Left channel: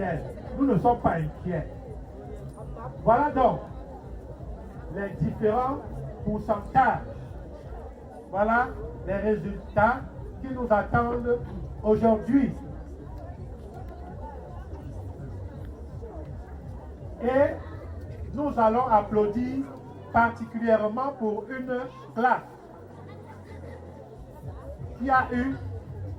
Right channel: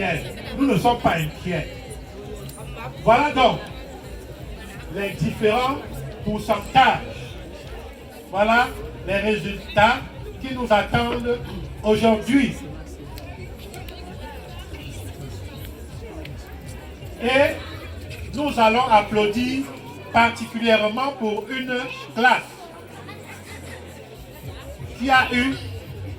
inquiets. Nous ne sommes pas inquiets. Voilà donc les différents pourcentages. Voilà les résultats qui nous attendent aujourd'hui. Et nous allons applaudir particulièrement pour une classe qui a eu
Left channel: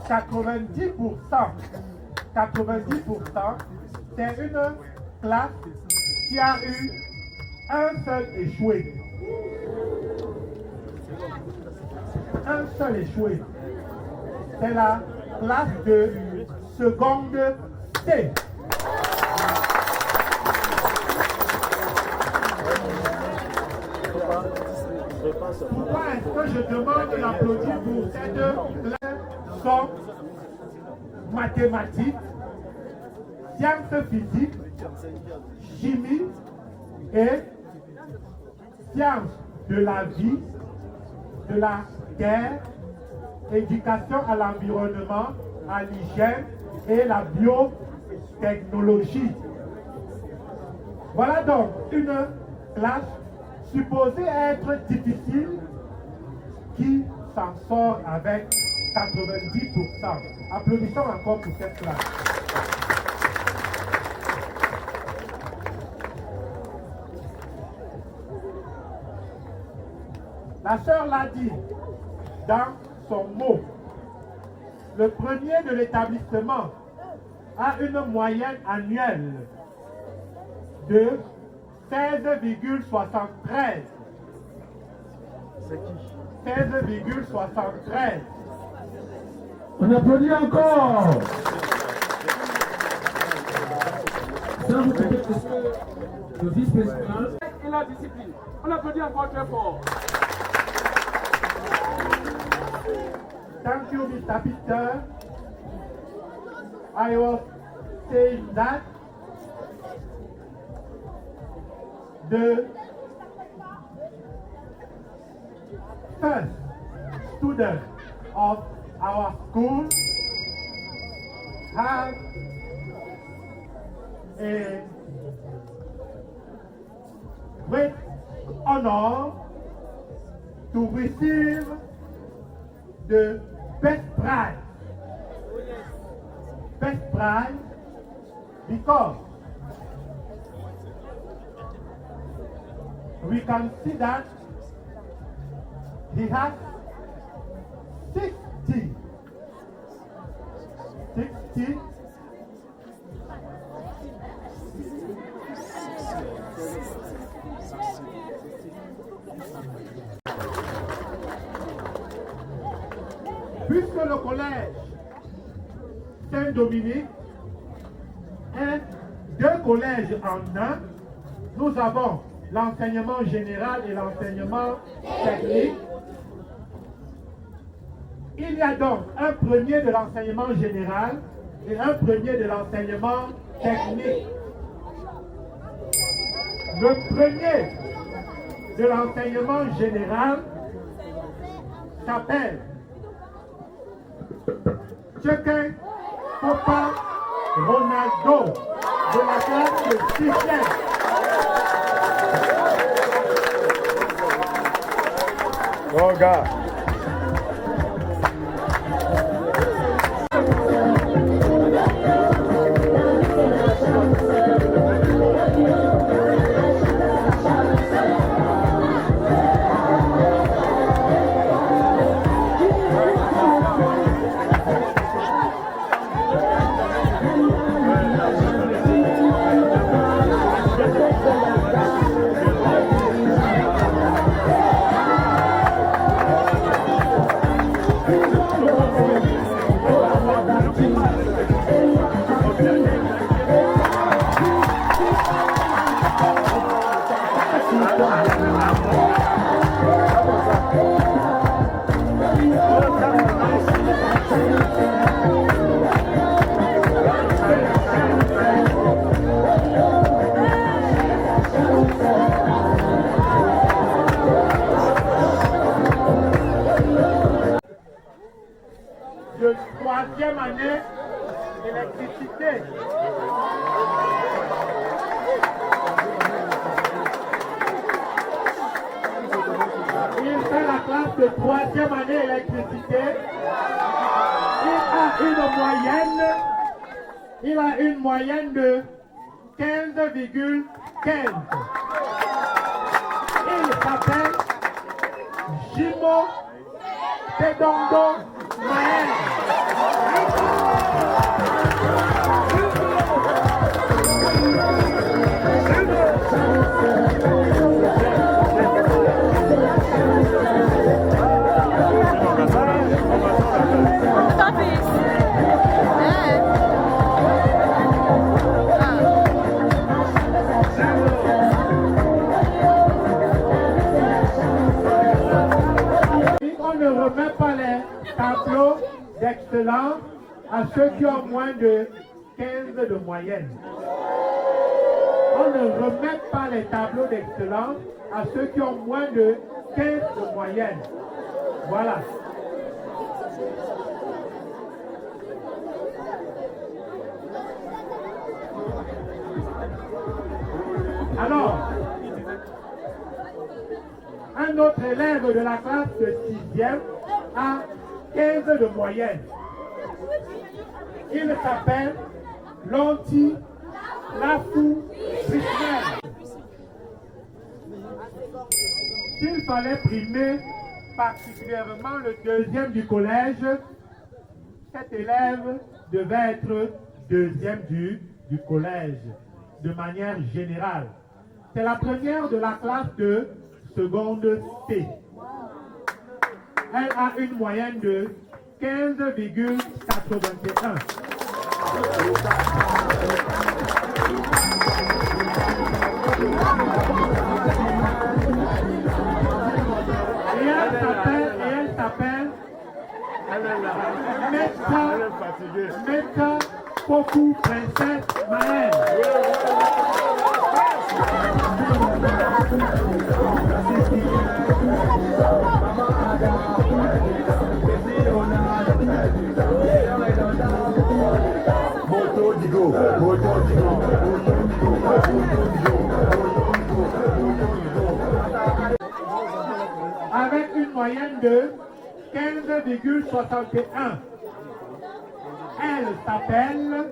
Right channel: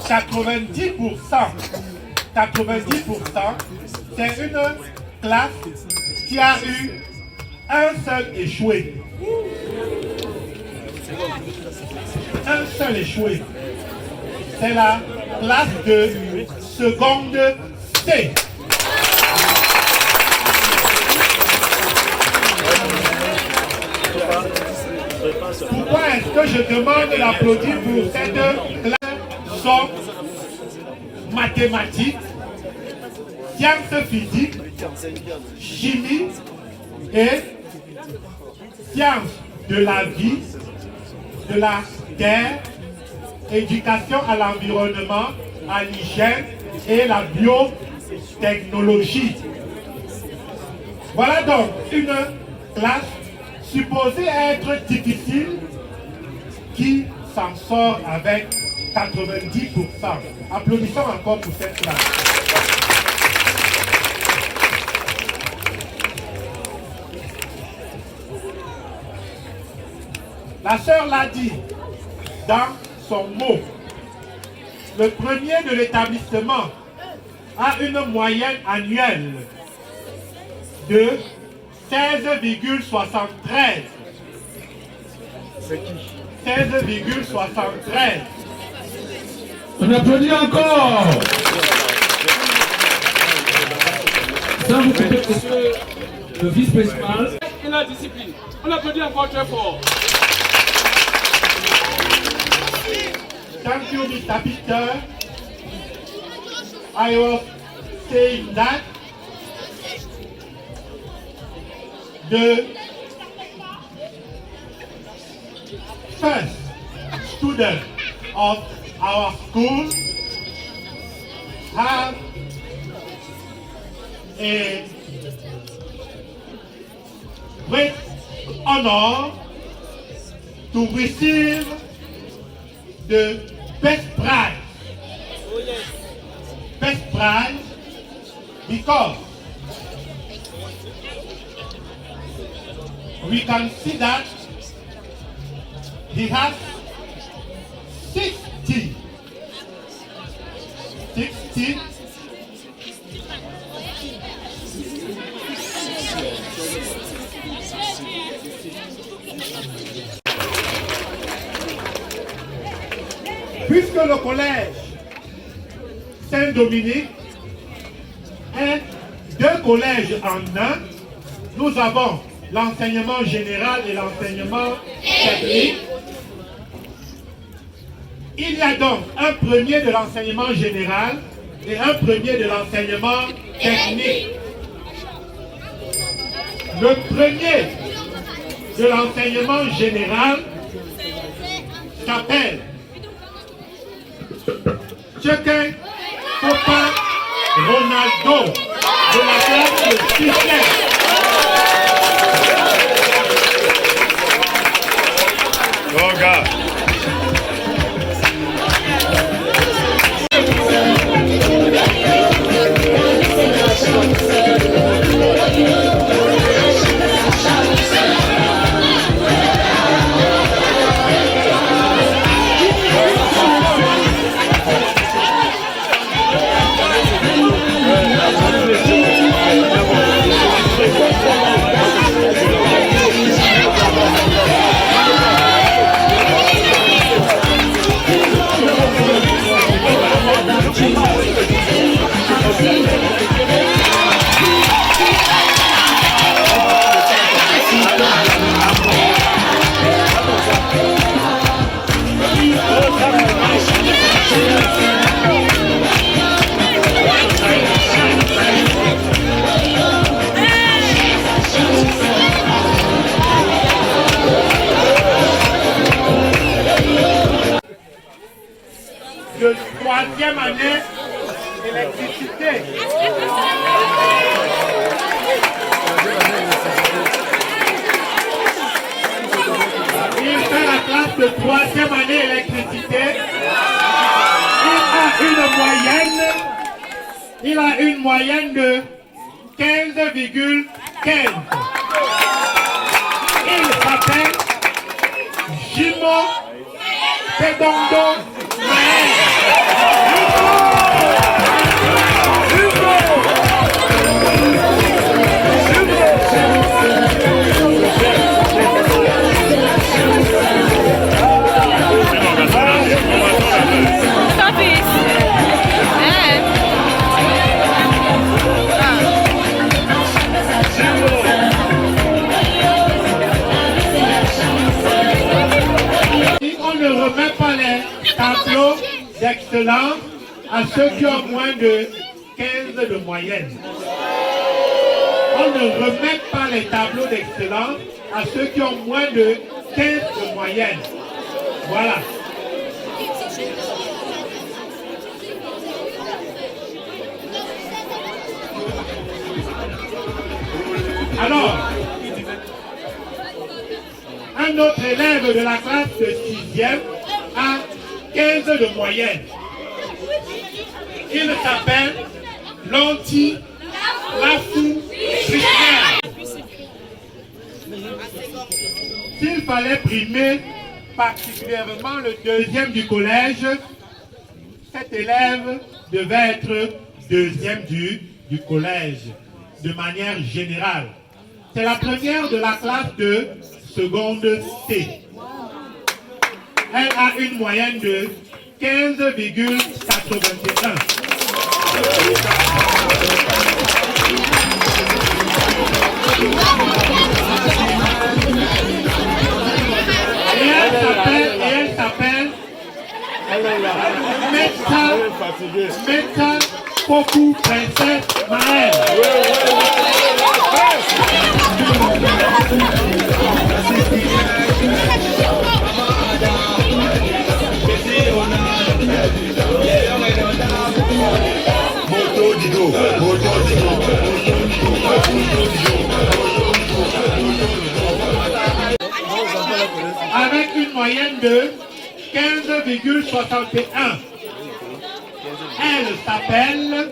90%. 90%, c'est une classe qui a eu un seul échoué. Un seul échoué. C'est la classe de seconde C. Pourquoi est-ce que je demande d'applaudir pour ces deux classes? Sont mathématiques, sciences physiques, chimie et sciences de la vie, de la terre, éducation à l'environnement, à l'hygiène et la biotechnologie. Voilà donc une classe supposée être difficile qui s'en sort avec 90%. Applaudissons encore pour cette classe. La sœur l'a dit dans son mot. Le premier de l'établissement a une moyenne annuelle de 16,73. C'est qui? 16,73. On applaudit encore. Ça vous fait monsieur le vice-principal. Et la discipline. On applaudit encore très fort. Thank you, Mr. Peter. I was saying that the first student of our school have a great honor to receive the best prize. Best prize because we can see that he has 60 puisque le collège Saint-Dominique est deux collèges en un, nous avons l'enseignement général et l'enseignement technique. Il y a donc un premier de l'enseignement général et un premier de l'enseignement technique. Le premier de l'enseignement général s'appelle Chekin Papa Ronaldo de la classe de 6e. Oh God. Il a une moyenne de 15,15. Il s'appelle Jimo Tedondo Maël. On ne remet pas les tableaux d'excellence à ceux qui ont moins de 15 de moyenne. On ne remet pas les tableaux d'excellence à ceux qui ont moins de 15 de moyenne. Voilà. Alors, un autre élève de la classe de 6e a 15 de moyenne. Il s'appelle Lonti Lafou Krishna. S'il fallait primer particulièrement le deuxième du collège, cet élève devait être deuxième du collège, de manière générale. C'est la première de la classe de seconde C. Elle a une moyenne de 15,81. Et elle s'appelle Meta Poku Princesse Maël. Avec une moyenne de 15,61. Elle s'appelle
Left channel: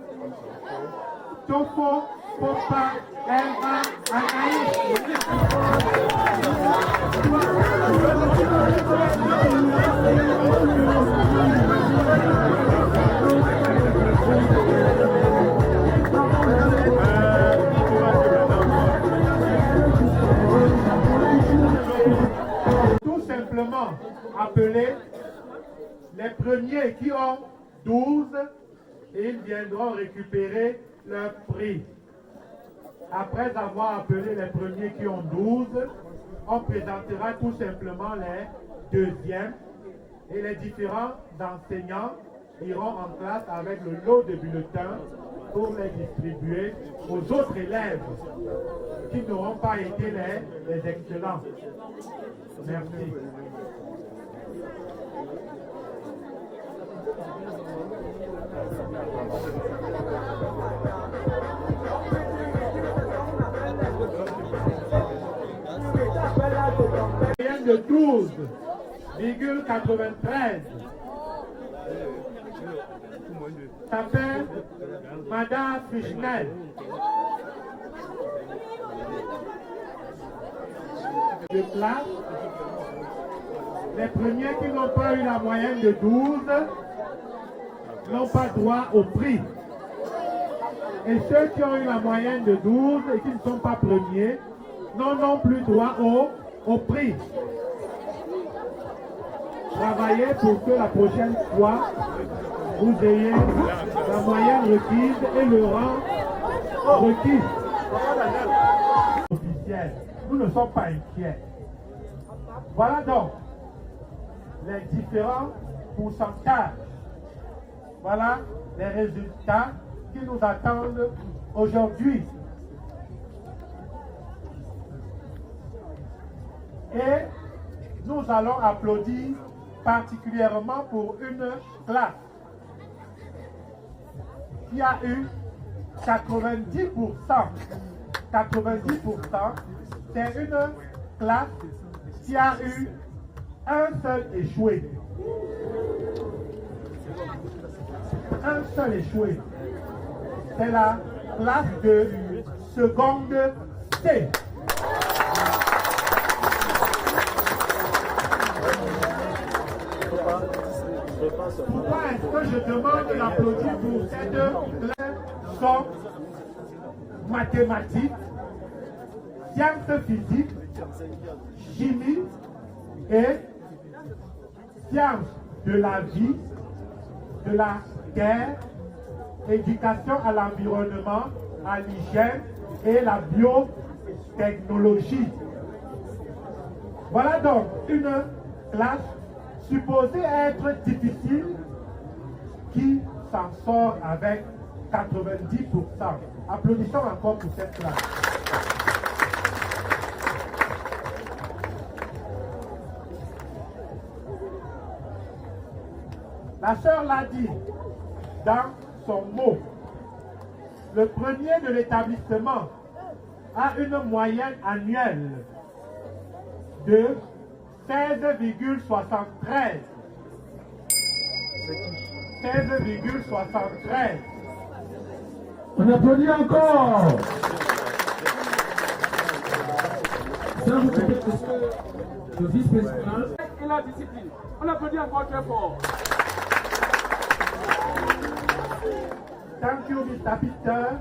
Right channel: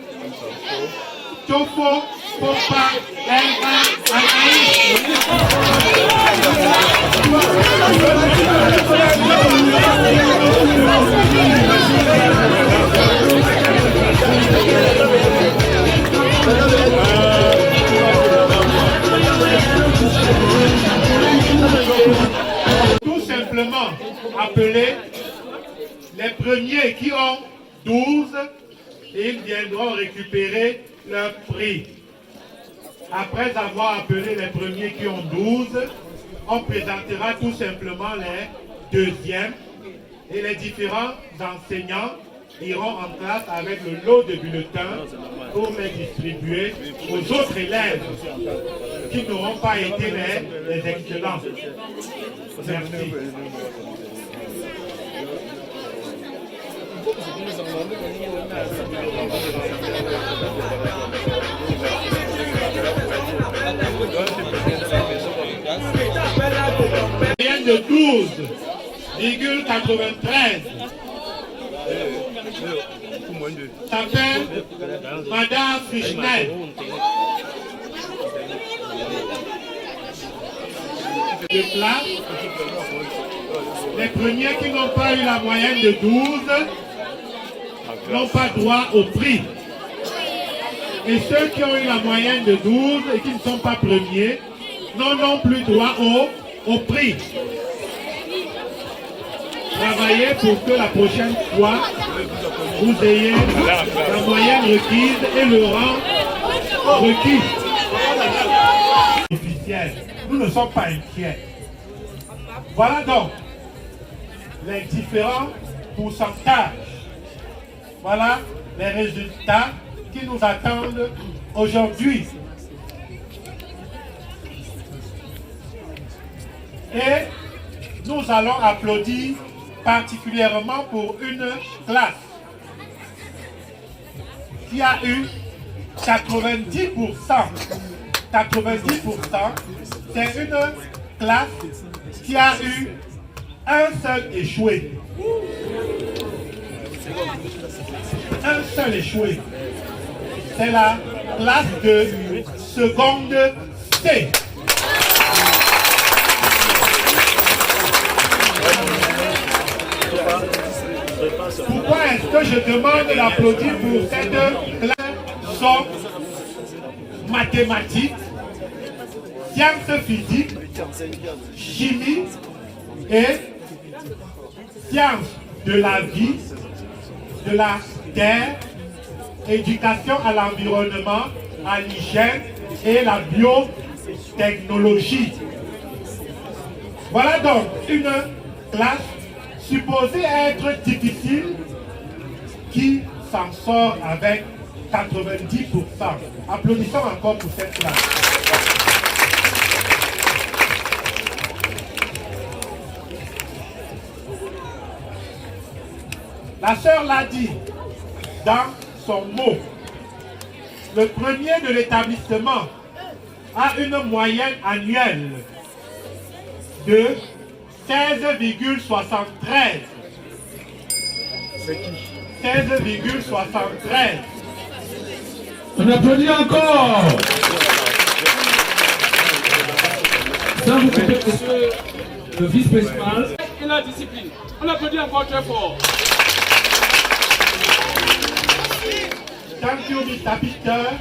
Tofo Popa Elba Anaïs. Tout simplement appeler les premiers qui ont 12 et ils viendront récupérer leur prix. Après avoir appelé les premiers qui ont 12, on présentera tout simplement les deuxièmes et les différents enseignants iront en classe avec le lot de bulletins pour les distribuer aux autres élèves qui n'auront pas été les excellents. Merci. Moyenne de 12,93. S'appelle Madame Fishnel. De classe, les premiers qui n'ont pas eu la moyenne de 12 n'ont pas droit au prix. Et ceux qui ont eu la moyenne de 12 et qui ne sont pas premiers n'ont non plus droit au prix. Travaillez pour que la prochaine fois, vous ayez la moyenne requise et le rang requis. Officiel. Nous ne sommes pas inquiets. Voilà donc les différents pourcentages. Voilà les résultats qui nous attendent aujourd'hui. Et nous allons applaudir particulièrement pour une classe qui a eu 90%. 90%, c'est une classe qui a eu un seul échoué. Un seul échoué. c'est la classe de seconde C. Pourquoi est-ce que je demande d'applaudir pour cette classe? Sont mathématiques, sciences physiques, chimie et sciences de la vie, de la terre, éducation à l'environnement, à l'hygiène et la biotechnologie. Voilà donc une classe supposée être difficile qui s'en sort avec 90%. Applaudissons encore pour cette classe. La sœur l'a dit dans son mot. Le premier de l'établissement a une moyenne annuelle de 16,73. C'est qui? 16,73. On applaudit encore. Ça, vous pouvez le vice-principal. Et la discipline. On applaudit encore très fort. Thank you, Mr. Peter.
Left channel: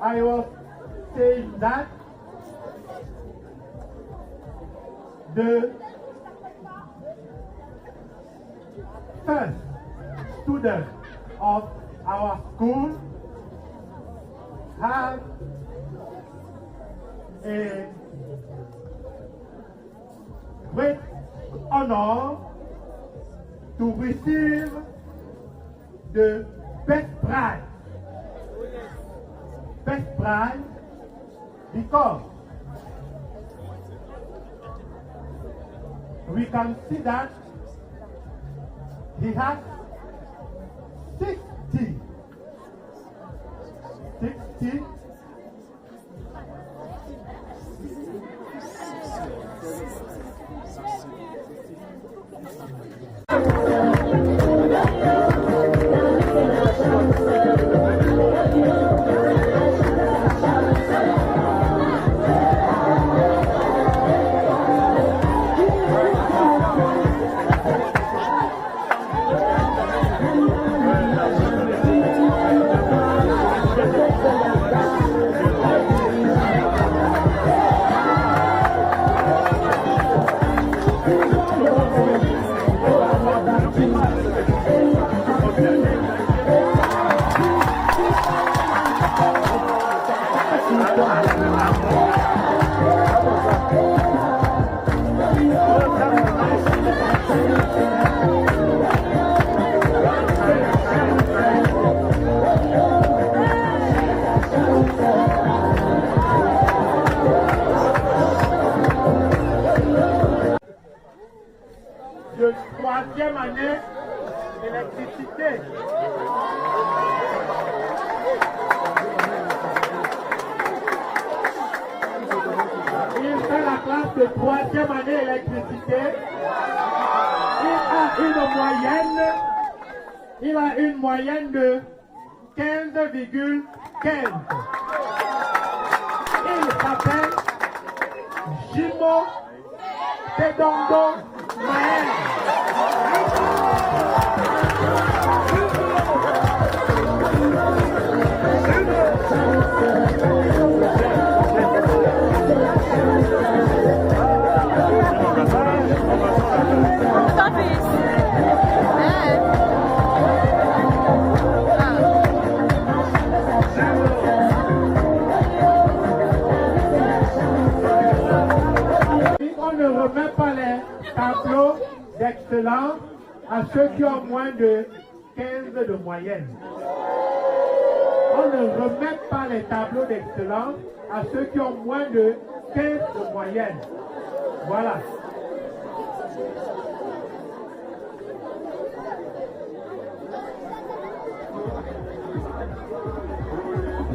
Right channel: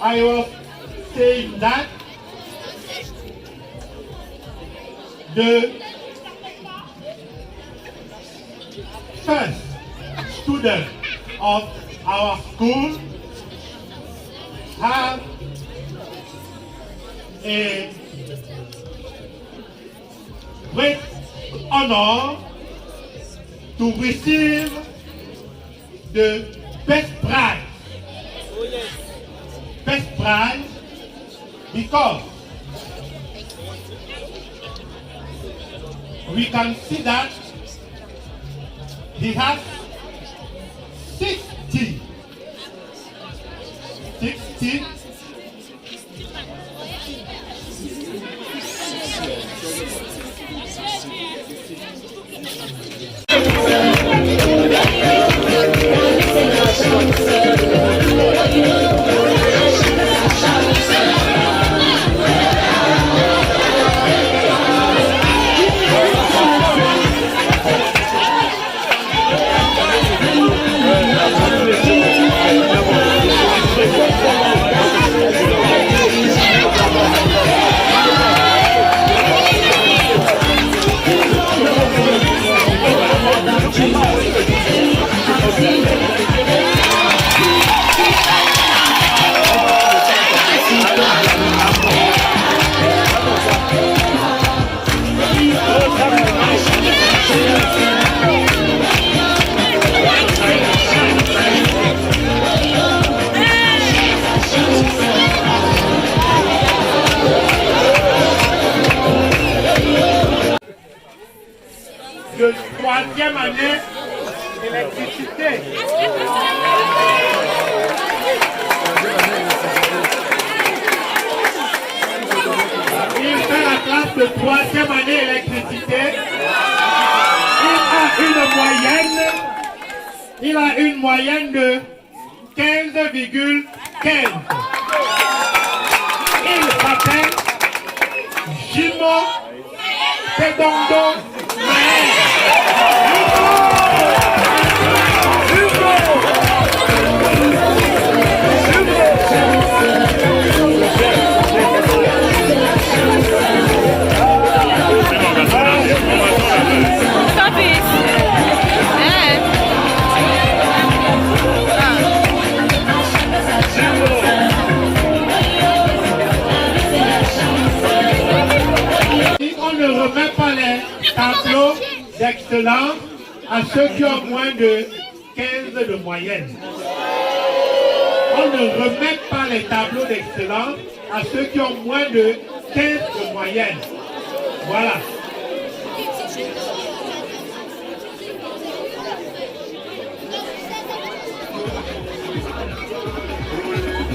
I was saying that the first student of our school have a great honor to receive the best prize. Best prize because we can see that he has 60 de troisième année électricité. Il fait la classe de troisième année électricité. Il a une moyenne de 15,15. Il s'appelle Jimo Pedondo Maher. On ne remet pas les tableaux d'excellence à ceux qui ont moins de 15 de moyenne. On ne remet pas les tableaux d'excellence à ceux qui ont moins de 15 de moyenne. Voilà.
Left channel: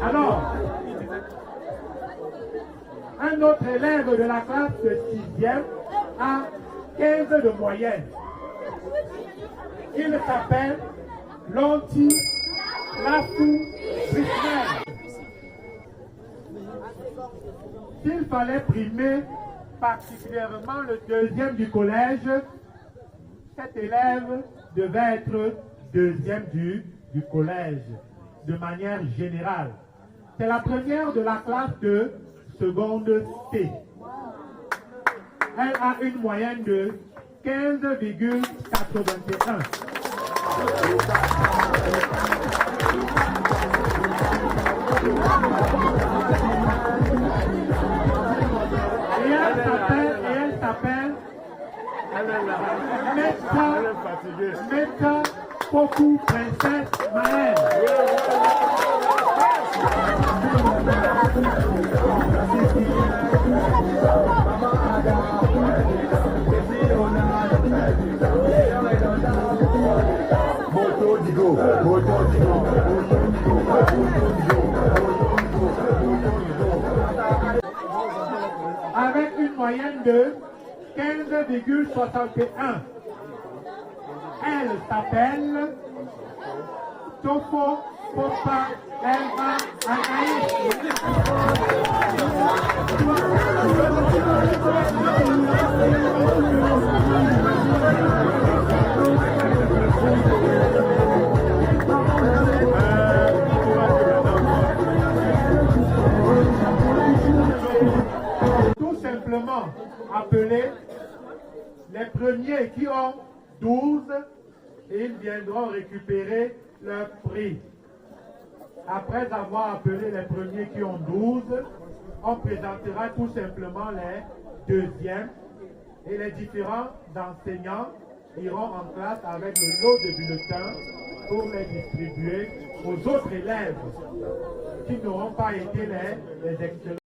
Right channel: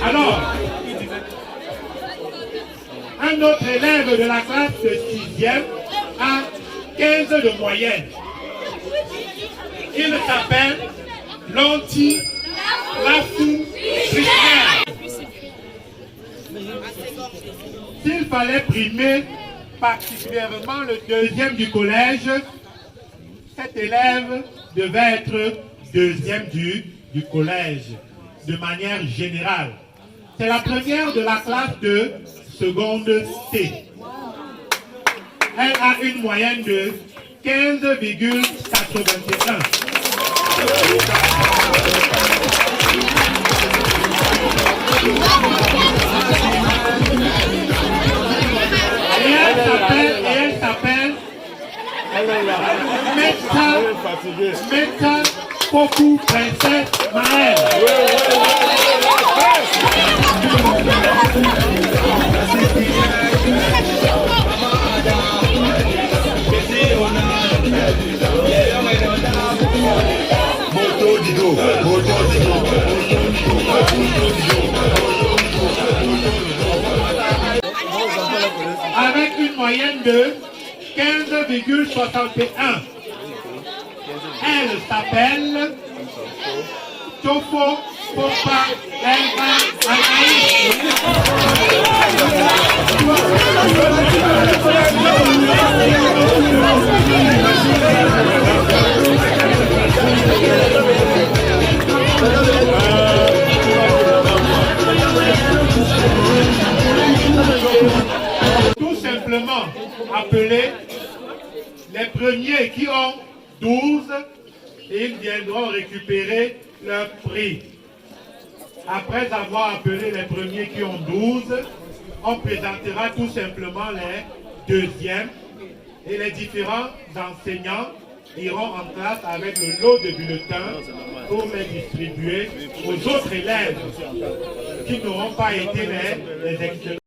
Alors, un autre élève de la classe de 6e a 15 de moyenne. Il s'appelle Lonti Lafou Brisbane. S'il fallait primer particulièrement le deuxième du collège, cet élève devait être deuxième du collège, de manière générale. C'est la première de la classe de seconde C. Elle a une moyenne de 15,81. Et elle s'appelle Meta Poku Princesse Maëlle. Avec une moyenne de 15,61. Elle s'appelle Tofo Popa Elba Anaïs. Tout simplement appeler les premiers qui ont 12 et ils viendront récupérer leur prix. Après avoir appelé les premiers qui ont 12, on présentera tout simplement les deuxièmes et les différents enseignants iront en classe avec le lot de bulletins pour les distribuer aux autres élèves qui n'auront pas été les excellents.